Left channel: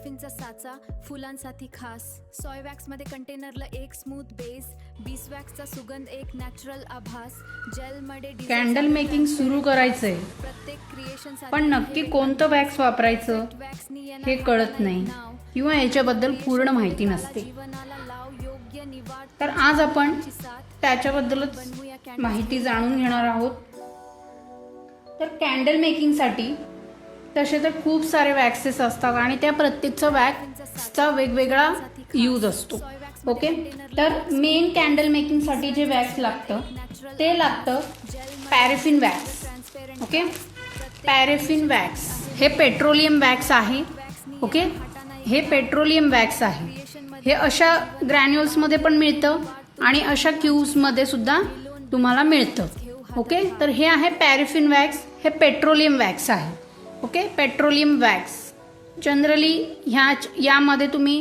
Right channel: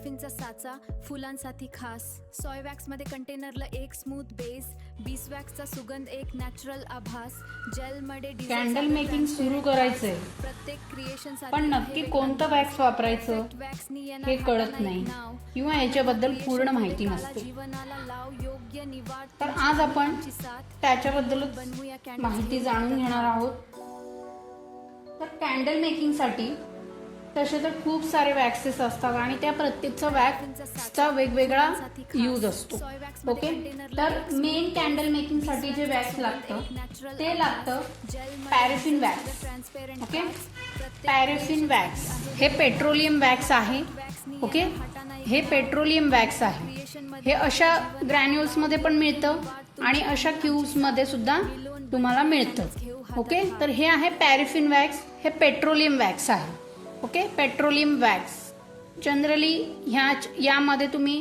पॅराफिनचा साचा फुलांसाठी खास, सॉय वॅक्स मध्ये कंटेनरला एक स्मूथ बेस, बीसवॅक्सचा सुगंध एक नॅचरल आभास, जेल मध्ये कॅन्डल मेकिंग सुरू करायचंय, प्रत्येक क्रिएशन पण नक्की कोणतं वॅक्स वापरायचं हे कळत नाही किंवा याच्याबद्दल पूर्ण माहिती नसते. तर आज आपण त्याच्याबद्दलच माहिती जाणून घेणार आहोत. तर कॅन्डल मेकिंगसाठी तसे तर खूप सारे वॅक्सेस असतात आणि त्या प्रत्येकचा वॅक्सचा वेगवेगळा यूज असतो. ओके, तर मेन कॅन्डल मेकिंगसाठी जे वॅक्स लागतं ते लागतं paraffin wax. Okay, paraffin wax हे पेट्रोलियम वॅक्स आहे. ओके, हे पेट्रोलियम वॅक्स आहे. हे अशा ग्रॅन्युल्समध्ये पण मिळतं आणि अशा क्यूब्समध्ये सुद्धा तुम्हाला मिळतं. ओके, तर हे आहे पॅराफिन वॅक्स, हे पेट्रोलियम वॅक्स आहे. ओके, पेट्रोलियम वॅक्स जनरली यामध्ये तुम्ही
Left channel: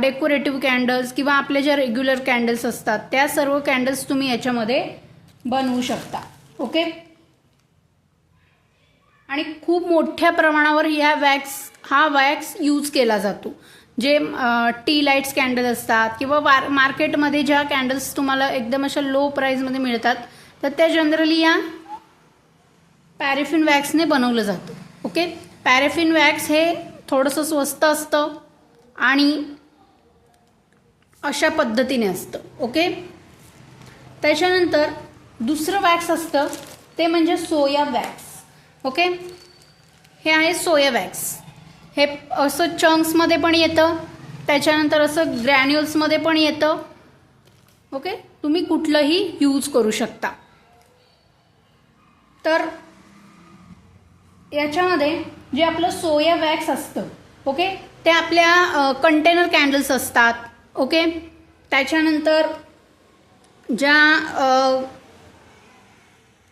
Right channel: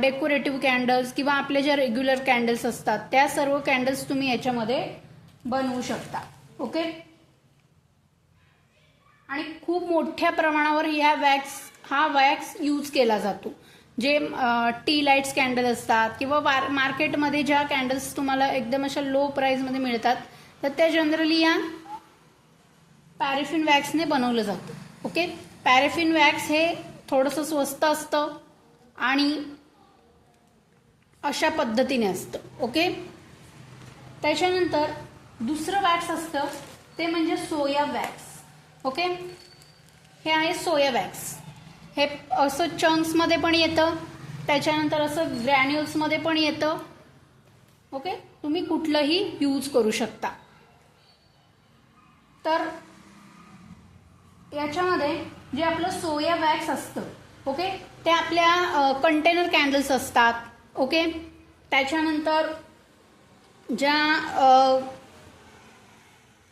डेकोरेटिव्ह कॅन्डल्स किंवा आपले ज्या रेग्युलर कॅन्डल्स असतात त्या सर्व कॅन्डल्स तुम्ही याच्यामध्ये बनवू शकता. ओके, आणि खूप मोठ्या प्रमाणावर हा वॅक्स यूज केला जातो. जे टी लाईट्स कॅन्डल असतात किंवा मार्केटमध्ये ज्या कॅन्डल्स तुम्हाला एकदम अशा लो प्राइसमध्ये मिळतात तर त्या जनरली या पॅराफिन वॅक्सने बनवलं जातं. ओके, पॅराफिन वॅक्स हे थोडंसं स्वस्त असतं आणि अशा पद्धतीने असतं. ओके, त्याच्यानंतर दुसरं वॅक्स असतं ते म्हणजे सोया वॅक्स. ओके, हे आहे सोया वॅक्स. हे असं चंक्समध्ये पण येतं, त्याच्यानंतर असं ग्रॅन्युल्समध्ये पण येतं. ओके, तुम्ही कुठलंही यूज करू शकता. तर याच्यामध्ये जे आपलं सोया वॅक्स असतं, ओके, ते आपल्या कंटेनर कॅन्डल्स असतात. ओके, त्याच्यानंतर ज्या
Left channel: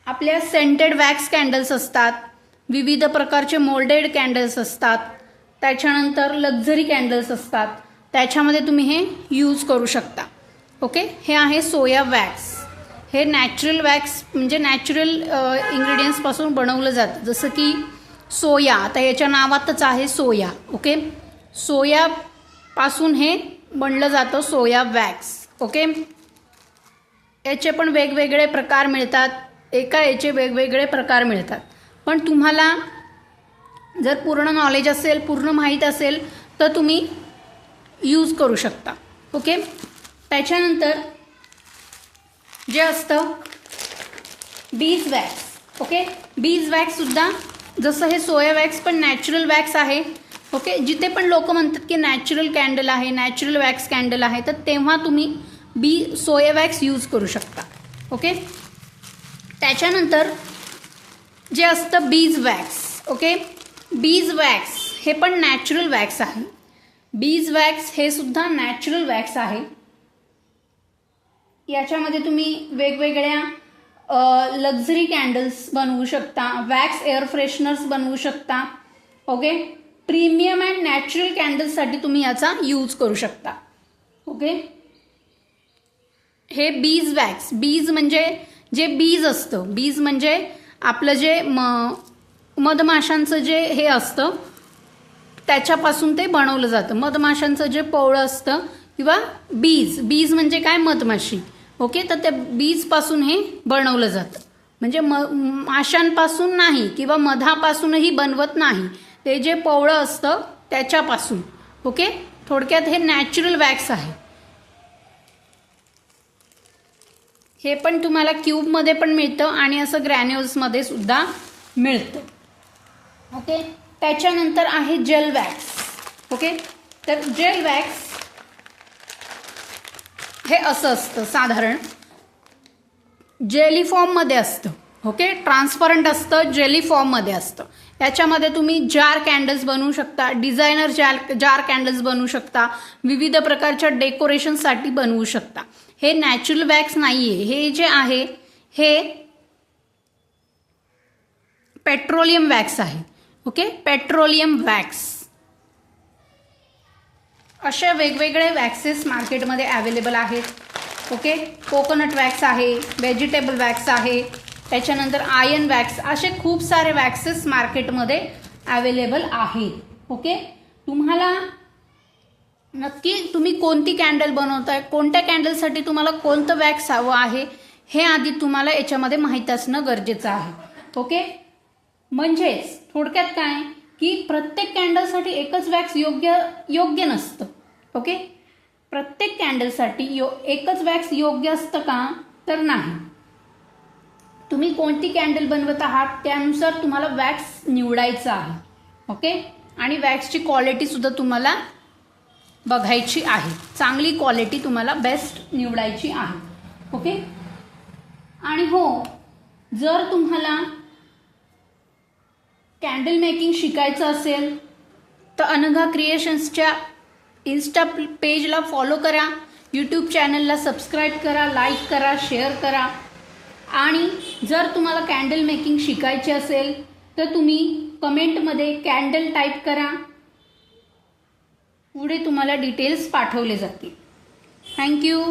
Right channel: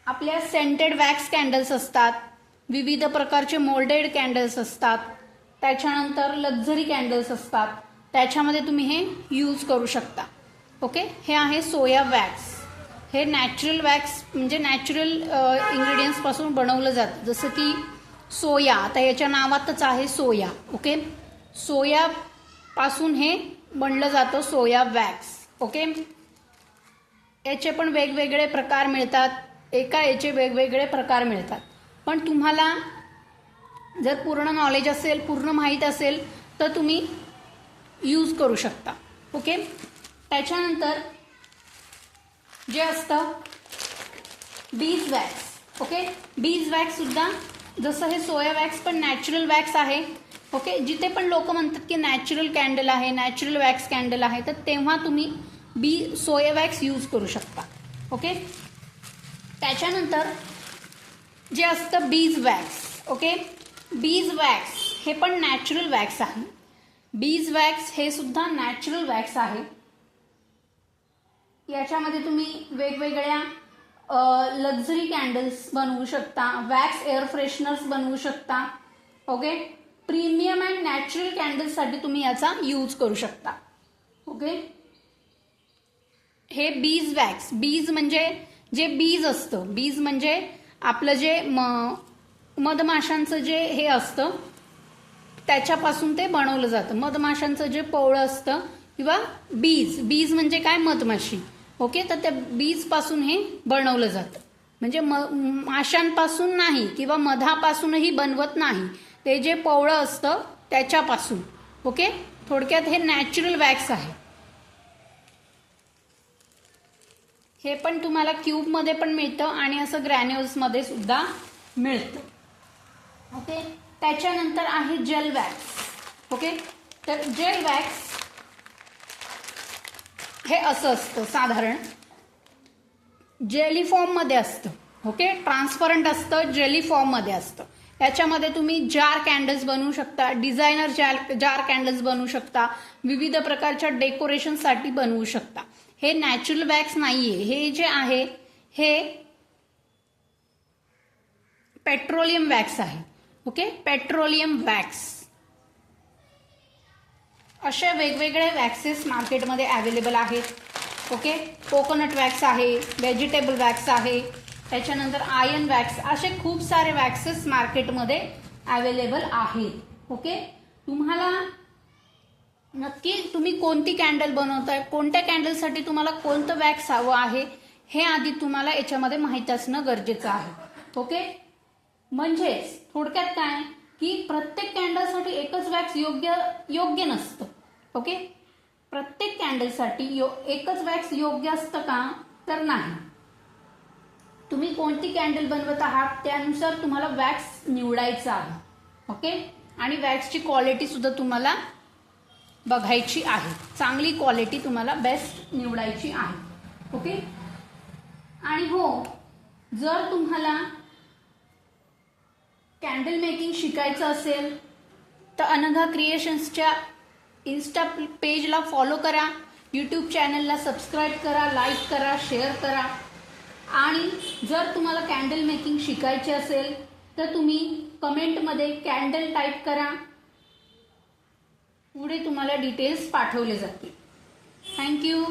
आपल्या सेंटेड वॅक्स कॅन्डल्स असतात, विविध प्रकारचे मोल्डेड कॅन्डल्स असतात, त्याच्यानंतर लक्झरी कॅन्डल्स असतात, त्याच्यामध्ये तुम्ही हे यूज करू शकता. ओके, हे आहे सोया वॅक्स. हे नॅचरल वॅक्स म्हणजे नॅचरल इंग्रेडियंट्सपासून बनवलं जातं, जसं की सोया. आता याच्या नावातच आहे सोया. ओके, सोयापासून हे बनलं जातं सोया वॅक्स. ओके, याचे पण वेगवेगळे प्रकार मिळतात, याचे वेगवेगळे प्रकार मिळतात. पण तुम्हाला जर पूर्ण नॉलेज असेल, पूर्ण माहीत असेल तर तुम्ही यूज करू शकता. ओके, त्याच्यानंतर जे असतं बीज वॅक्स. ओके, बीज वॅक्स सुद्धा जसं हे सोया वॅक्स पण नॅचरल वॅक्स आहे. ओके, जिथे पण लोक म्हणतात की नॅचरल कॅन्डल आहे, नॅचरल वॅक्स कॅन्डल आहे, तर तेव्हा तुम्ही सोया वॅक्स यूज करू शकता. ओके, त्याच्यानंतर जे असतं बीज वॅक्स. ओके, बीज वॅक्स हे पण नॅचरल वॅक्स आहे. बीज वॅक्स हे सुद्धा नॅचरल वॅक्स आहे. याच्यामध्ये तुम्ही वेगवेगळ्या लक्झरी कॅन्डल्स बनवू शकता, वॅक्स एअर फ्रेशनर्स बनवू शकता. ओके, प्रीमियम अँड नॅचरल कॅन्डल्ससाठी तुम्ही याचा यूज करू शकता. ओके, हे बीज वॅक्स. बीज म्हणजे जे बीज असतं, बीज म्हणजे आपलं जे मधमाशांचं जे हे असतं त्याच्यापासून ते बनवलं जातं. मधमाशांचं जे पोळं असतं किंवा बीज म्हणजे काय, मधमाशी. ओके, तर त्या बीजपासून हे बनवलं जातं. म्हणजे माशांपासून नाही किंवा मधापासूनही बनवत नाही, ते जे पोळं असतं त्याच्यापासून. ओके, थोडक्यात हे नॅचरल वॅक्स आहे. हे पण तुम्हाला क्यूबमध्ये पण मिळतं आणि असं ग्रॅन्युल्समध्ये सुद्धा मिळतं. ओके, त्याच्यानंतर आहे जेल वॅक्स. ओके, तर जेल वॅक्स हे असं असतं, साधारण जेली फॉर्ममध्ये असतं. ओके, ट्रान्सपरंट असतं, जेली फॉर्ममध्ये असतं. याच्यामध्ये तुम्ही जार कॅन्डल्स बनवू शकता, डिझायनर जार कॅन्डल्स बनवू शकता, विविध प्रकारच्या डेकोरेशनसाठी बनवू शकता. हे नॅचरल वॅक्स नाहीये, हे जे आहे हे पेट्रोलियम वॅक्स आहे. Okay, petroleum wax. अशा वेगवेगळे वॅक्सेस मार्केटमध्ये अवेलेबल आहेत. ओके, कोकोनट वॅक्स आहे, व्हेजिटेबल वॅक्स आहे, त्याच्यानंतर आयर्न वॅक्स, असे खूप सारे वॅक्सेस मार्केटमध्ये अवेलेबल आहेत. ओके, तुम्हाला नक्की तुम्ही कोणती कॅन्डल बनवताय, कोणत्या कॅन्डलसाठी तुम्हाला कोणतं वॅक्स हवं आहे हे आधी तुम्हाला याच्यामध्ये माहीत असणं गरजेचं आहे. ओके, म्हणजेच थोडक्यात काय की प्रत्येक कॅन्डलसाठी एकच वॅक्स योग्य नसतं. ओके, प्रत्येक कॅन्डलसाठी एकच वॅक्स योग्य असतं का, तर नाही. तुम्ही कोणती कॅन्डल बनवत आहात त्यानुसार तुम्हाला वॅक्स निवडायचा आहे. ओके, आणि वॅक्सची क्वालिटी सुद्धा तुम्हाला बघायची आहे. चांगली क्वालिटी तुम्हाला बेस्ट निवडायची आहे. ओके, आणि हो, जर तुम्हाला कॅन्डल मेकिंग शिकायचं असेल तर अनघा क्रिएशन्सच्या इन्स्टा पेजला फॉलो करा, यूट्यूब चॅनलला सबस्क्राईब करा, लाईक करा, शेअर करा. आणि जर तुम्हाला कॅन्डल मेकिंग शिकायचे असेल तर तुम्ही कमेंटमध्ये कॅन्डल टाईप करा, पुढे तुम्हाला डिटेल्स पाठवले जातील. थँक्यू.